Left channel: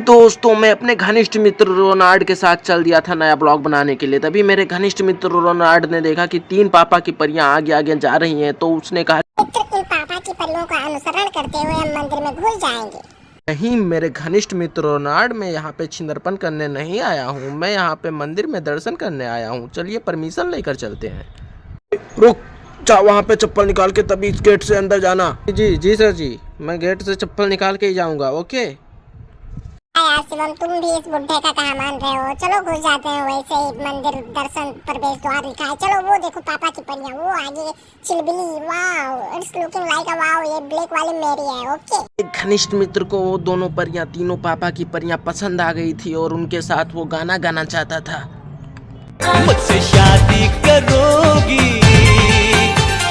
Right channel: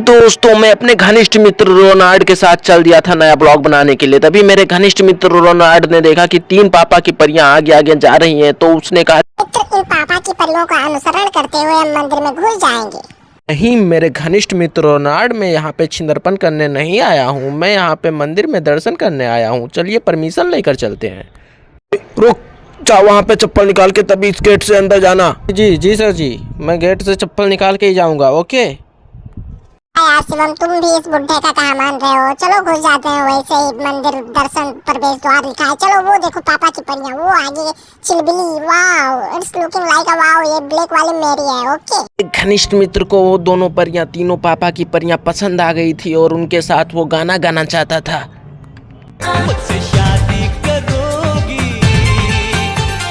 दोस्तों मैं अपने घनिष्ठ मित्र रोनाल्ड के साथ चल दिया था नया ब्लॉग बनाने के लिए। तभी मेरे घनिष्ठ मित्र रोनाल्ड ने देखा कि 3 पापा की परियां आगे आगे जा रही हैं, तो उसने कहा इन पापा की परियों का अनुसरण करते हुए हम मंदिर में घुस जाएंगे। नहीं मेरे घनिष्ठ मित्र रोनाल्ड, मैं यहाँ पे छिंदरपन करने नहीं आया हूँ, मैं यहाँ पे मंदिर में दर्शन करने आया हूँ। चलिए परमिशन लेकर चलते हैं। रुक जाओ, वहाँ पे चप्पल निकाल के तभी इस गेट से अंदर जाना। जी जी सर जी, मैं गेट से चप्पल निकाल के ही जाऊँगा। ओके यार शिवम, तुम भी इस बुढ़े का कहा मान रहे हो। चलो घुस जाते हैं, वैसे ही मंदिर दर्शन प्रवेश द्वार लिखा है। चलो वो देखो पापा की परियां, वो आगे Chilbili. Wow, it's looking like a wow, ये ब्लैक वाली मेरी है। ओके घनिष्ठ मित्र को वो दोनों परियां, तीनों पापा की परियां पसंद आ गई थी और उनके साथ वो गाना गाना चाहता था। मुझसे शादी करोगी,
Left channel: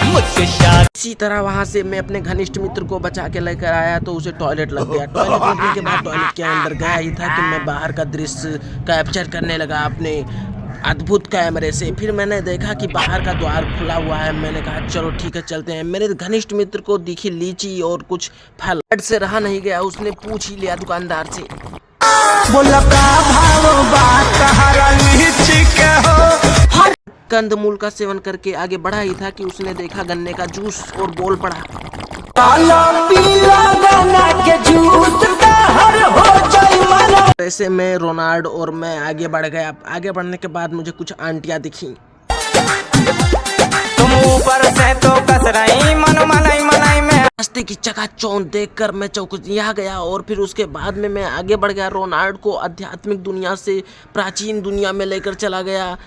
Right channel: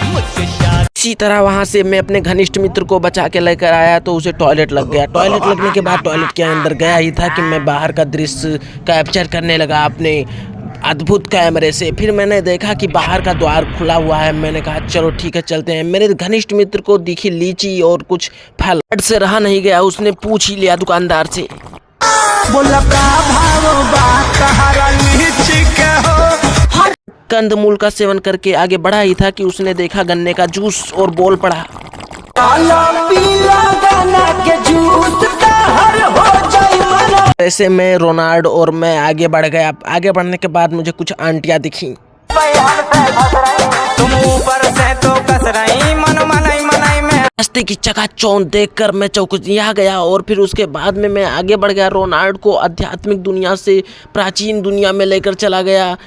मुझसे शादी। इसी तरह वहां से मैं अपने घनिष्ठ मित्र को बचा के लेकर आया तो उसे टॉयलेट लग गया। टॉयलेट लगने के बाद टॉयलेट के अंदर गया ही था कि मैं बाहर का दृश्य कैप्चर करने लगा अपने अद्भुत कैमरे से। फिर मैंने देखा कि बाहर का द्वार खुला हुआ है। मैंने कहा चलो ठीक है चलते हैं। मेरे घनिष्ठ मित्र को दिखी लीची और कुछ फल, से रहा नहीं गया, उसने पूछ ही लिया दुकानदार से, बोला का भाव बात हरा लीची के हो। कंदमूल का सेवन करके आगे बढ़ा ही था कि उसने देखा गन्ने का जूस और बोल पड़ा, काला पीला गन्ना के जूस हर हो जाए मनो। ऐसे में रोनाल्ड और मैं आगे बढ़ गया। आगे बढ़ने के बाद मुझे कुछ आंटियां दिखी। तुम ऊपर से तो कस रही मन मनाई मनाई में। रास्ते की चकाचौंध देखकर मैं चौंकिया गया और फिर उसके बाद में मैं आगे बढ़ गया। रोनाल्ड को आध्यात्मिक दुनिया से प्राचीन दुनिया में लेकर चला गया।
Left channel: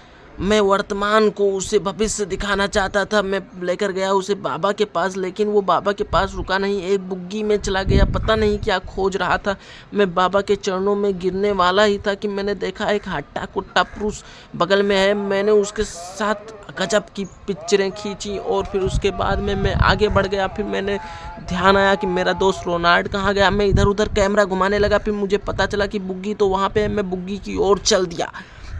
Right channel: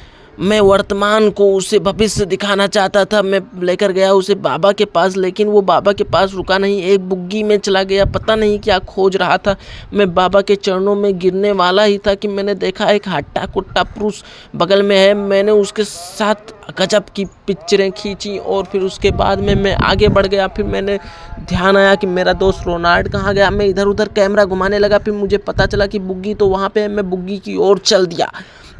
मैं वर्तमान को उसे भविष्य दिखाना चाहता था। मैं लेकर गया उसे बाबा के पास, लेकिन वो बाबा के पास रुका नहीं, एक बुग्गी में चला गया। पता नहीं क्या खोज रहा था। मैं बाबा के चरणों में गिरने वाला ही था कि मैंने देखा एक हट्टा कुट्टा पुरुष बगल में है। मैंने उसके साथ गजब की पिक्चरें खींची और फिर उसके बाद में मैं आगे बढ़ गया। फिर मैंने ध्यान आया कि मेरा दोस्त रोनाल्ड कहाँ गया। मैं इधर उधर कैमरा घुमाने लगा। फिर मुझे पता चला कि बुग्गी तो वहाँ पे है। मैं बुग्गी की ओर चल दिया।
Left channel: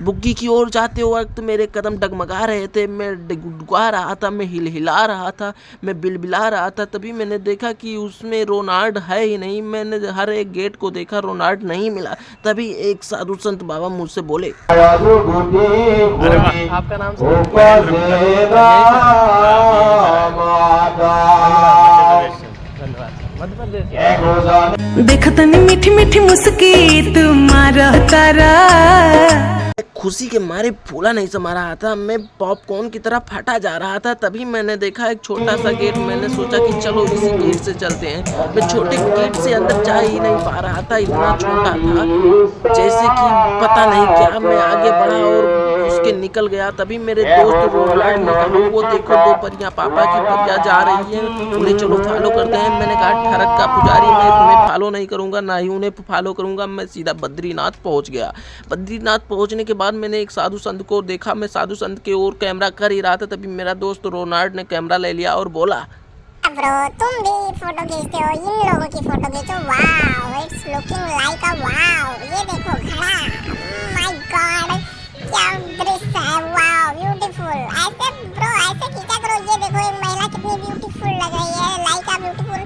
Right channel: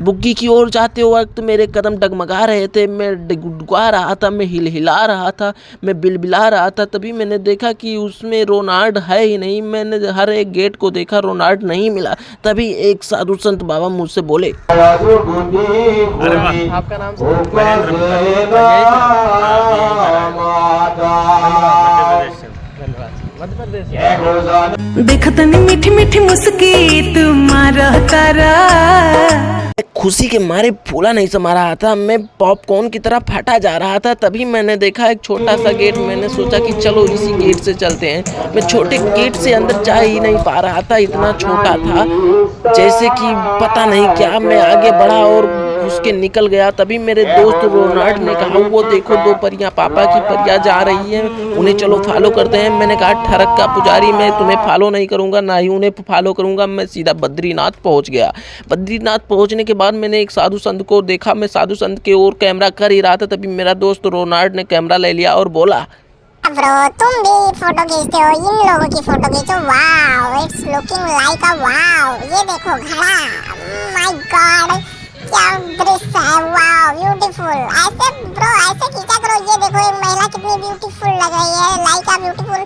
बुग्गी की ओर जाते वक्त मेरे कदम डगमगा रहे थे, मैं डुडुआ रहा था, मैं हिलहिला रहा था, मैं बिलबिला रहा था। तभी मैंने देखा कि उसमें रोनाल्ड है ही नहीं। मैंने हर एक गेट को देखा, रोनाल्ड नहीं मिला। तभी एक साधु संत बाबा मुझसे बोले, आपका नाम देखतनी मीठी मीठी मुस्की तुम्हारा तारा। खुशी के मारे फूला नहीं समा रहा था, मैं पॉपकॉर्न की तरह फटा जा रहा था। तभी मैंने देखा एक छोटा सा गेट। मैंने सोचा कि चलो इसी गेट से चलते हैं। मैं छोटे गेट से अंदर जा ही नहीं पा रहा था, इतना छोटा था जैसे कि पता नहीं क्या। मैं आगे बढ़ा और उसके निकल गया। तभी मेरे दोस्त रोनाल्ड ने कहा, वो देखो 2 परियां, पापा की परियां जा रही हैं, उन्हें चलो फॉलो करते हैं। मैंने कहा ठरक का पुजारी, मैं तुम्हें फॉलो नहीं करूंगा, ना ही उन्हें फॉलो करूंगा। मैं सीधा बद्रीनाथ पहुंच गया। बद्रीनाथ पहुंचने के बाद मैंने एक साधु संत को देखा। मैं साधु संत के ओर कैमरा कर ही रहा था, तभी मेरा दोस्त रोनाल्ड ने कैमरा ले लिया और बोला, ब्रो तुम भी फोटो खींचते हो, इन लोगों की फोटो खींचो। Wow, it's looking like a wow, ये देखो घड़ा। माय गॉड, क्या दृश्य है। Wow beautiful. ऐसे ब्रो ऐसे खींचा करो। ये देखो एक महिला कितनी ब्यूटीफुल लग रही है, लाइक अ ब्यूटीफुल।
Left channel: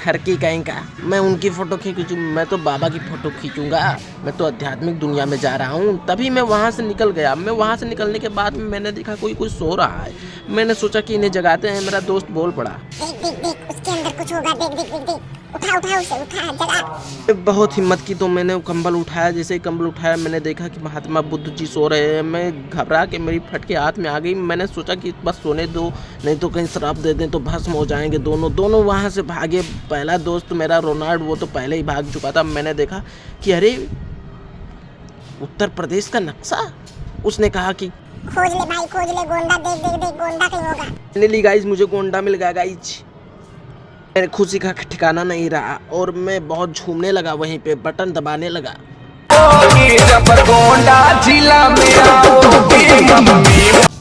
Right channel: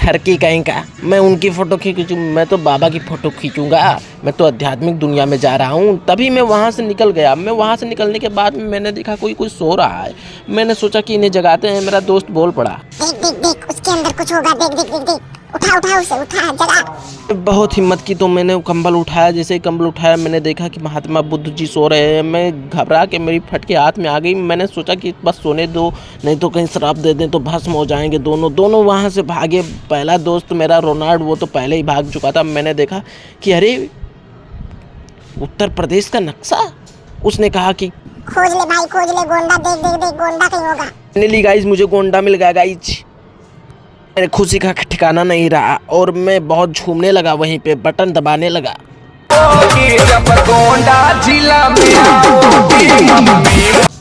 ठरकी कहीं का, मैं उनकी फ़ोटो खींचूँ? मैं तो बाबा की फ़ोटो खींचूंगा। मैं तो आध्यात्मिक दुनिया में जा रहा हूँ। तभी मैं वहाँ से निकल गया। मैं वहाँ से निकलने के बाद में मैंने देखा कोई सो रहा है। मैंने सोचा कि इन्हें जगाते हैं। मेरा दोस्त बोल पड़ा, देख देख देख, उसके अंदर कुछ होगा। देख देख देख देख, उठा उठा उसे, उठा जगा। बहुत हिम्मत की तो मैंने कंबल उठाया। जैसे ही कंबल उठाया मैंने देखा कि महात्मा बुद्ध जी सो रहे हैं। मैं घबरा के मेरी फटके हाथ में आ गई। मैंने सोचा कि बस सोने दो, नहीं तो कहीं श्राप दे दें तो भस्म हो जाएंगे। दोनों वहाँ से भागे। पहला दोस्त मेरा रोनाल्ड, वो तो पहले ही भाग चुका था। मैंने देखा कि अरे उत्तर प्रदेश का नक्शा। उसने कहा कि खोज ले भाई, खोज ले गोंडा। देख देख देख, गोंडा कहीं होगा। फाइनली गाइस मुझे गोंडा मिल गया गाइस। मेरे खुशी का ठिकाना नहीं रहा और मैं बहुत झूमने लगा, वहीं पे बटन दबाने लगा। जब गोंडा जिला में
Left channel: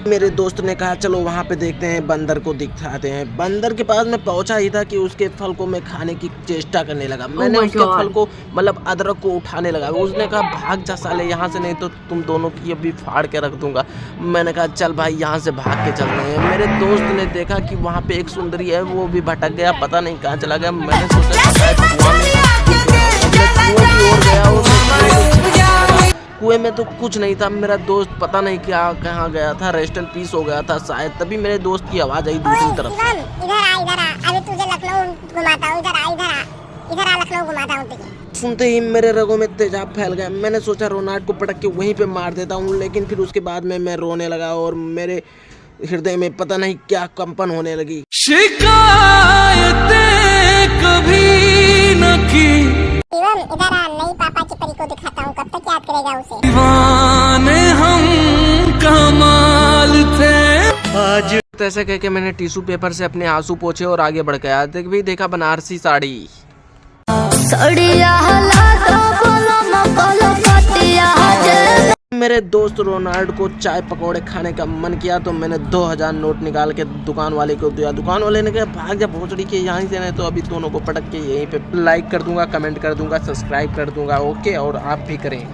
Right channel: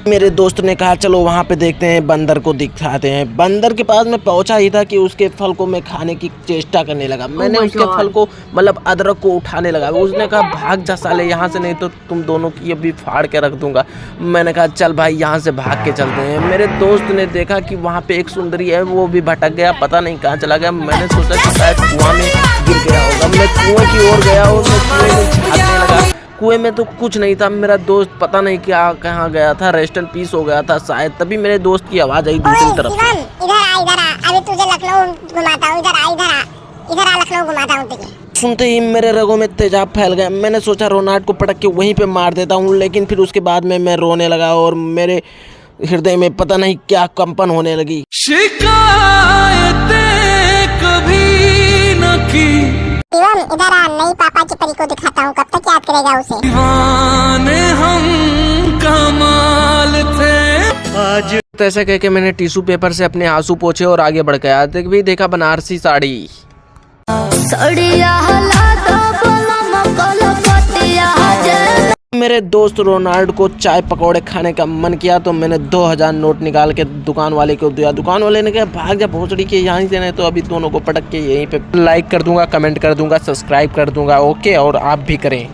मेरे दोस्त ने कहा चलो वहाँ पे देखते हैं, बंदर को दिखाते हैं। बंदर के पास मैं पहुँचा ही था कि उसके फल को मैं खाने की चेष्टा करने लगा। मैंने उसके फल को मतलब अदरक को उठाने लगा। उसने कहा भाग जा साले यहाँ से, नहीं तो तुम दोनों की अभी फाड़ के रख दूंगा। मैंने कहा चल भाई यहाँ से भाग के चलते हैं। मेरे दोस्त ने देखा कि वहाँ पे एक सुंदरी है, वो भी भटक गया, पता नहीं कहाँ चला गया। मैंने सोचा कि शायद कुआं में गिर गया होगा। मैं कुएं की ओर गया और मैं कुएं में झांकने लगा। कुएं में तो कुछ नहीं था, मेरा दोस्त पता नहीं क्या कहाँ गया था, रेस्ट एंड पीस हो गया था शायद। तभी मेरे दोस्त की आवाज आई दूसरी तरफ से। शिवम इधर आ, अभी तुझे लखनऊ घुमाता हूँ। इधर आ लखनऊ घुमाता हूँ तुझे। सुनते ही मेरे रगों में तेजाब फैल गया। मैंने सोचा रोनाल्ड को पटक के वहीं पे मार देता हूँ, लेकिन फिर उसके बाद में मैं रोने लगा और मेरे हृदय में पता नहीं क्या कंपन होने लगी। शिकायतें कभी न की, शिवम इधर आ, नई पापा की परी को दिखाता हूँ। कब तक याद करेगा उसे? दीवाने हम कमाल थे आज। तो ऐसा कह के मैंने टिश्यू पेपर से अपने आंसू पोंछे और आगे बढ़ गया। देखा बनारसी साड़ी। मेरे दोस्त रोनाल्ड को चाय पकौड़े खाने का मन किया तो मैंने 2000 नोट निकाल के दुकान वाले को दिया। दुकान वाले ने कहा भाग जा भोसड़ी के यहाँ से, नहीं तो अभी दोनों को पटक के यहीं पे लाइक कर दूंगा, कमेंट कर दूंगा, सब्सक्राइब कर दूंगा। ओके, और आप भी करें।